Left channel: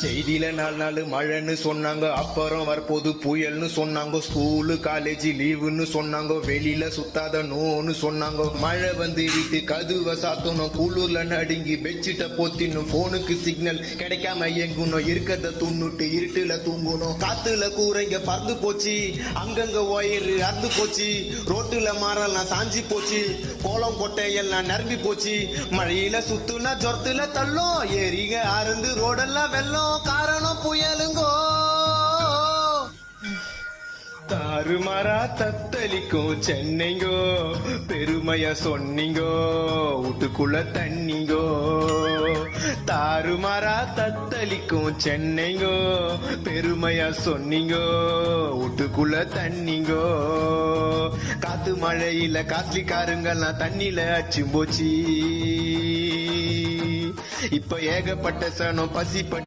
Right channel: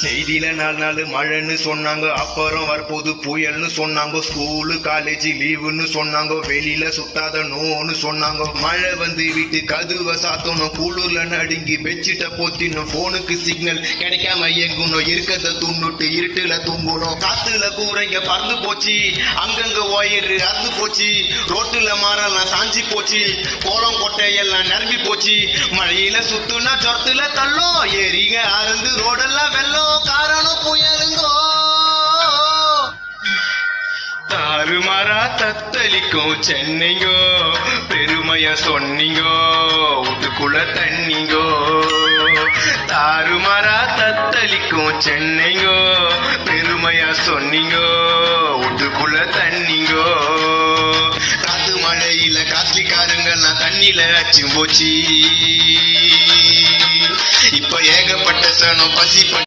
செய்தியில 4 நாள் மழைன்னு சொன்னாங்க, அப்புறம் வரப்போது புயல்னு சொன்னாங்க. ஸ்கூலு காலேஜ் லீவுன்னு சொன்னாங்க, வெளியில சுத்தாத நோன்னு சொன்னாங்க. மழை வந்து வீட்டு கதுவை சாத்தணும், குளிர்ல நடுங்கி பெட்ஷீட்டை போத்தினும், போனுக்கு சிக்னல் கிடைக்காம எங்கணும், இருக்கத துண்ணுட்டு இருட்டுல தூங்கணும். காத்துல கூரைங்க பறந்து போச்சு, அங்கங்க ஒயரு அறுந்து போச்சு, ரோட்டுல மரம்லாம் சாஞ்சி போச்சு, கோலம் கொட்டை எல்லாம் நிரம்பி போச்சு. மழையில சுத்துனா ஜொரத்துல தள்ளும், ஏரிங்க அறந்து ரோடெல்லாம் வெள்ளம், காரணம் புயலுங்கோ. தாறுமாறா தத்தளிக்கும் சென்னைங்கோ, பெருமைய சொன்னீங்கோ, வீட்டுக்குள்ள தண்ணிங்கோ. தாறுமாறா தத்தளிக்கும் சென்னைங்கோ, பெருமையா சொன்னீங்கோ, வீட்டுக்குள்ள தண்ணிங்கோ. காத்து மழையில காஸ்ட்லிக்காரங்கெல்லாம் தண்ணியில அச்சும் போச்சு. இப்ப ஏகப்பட்ட சனம் பசி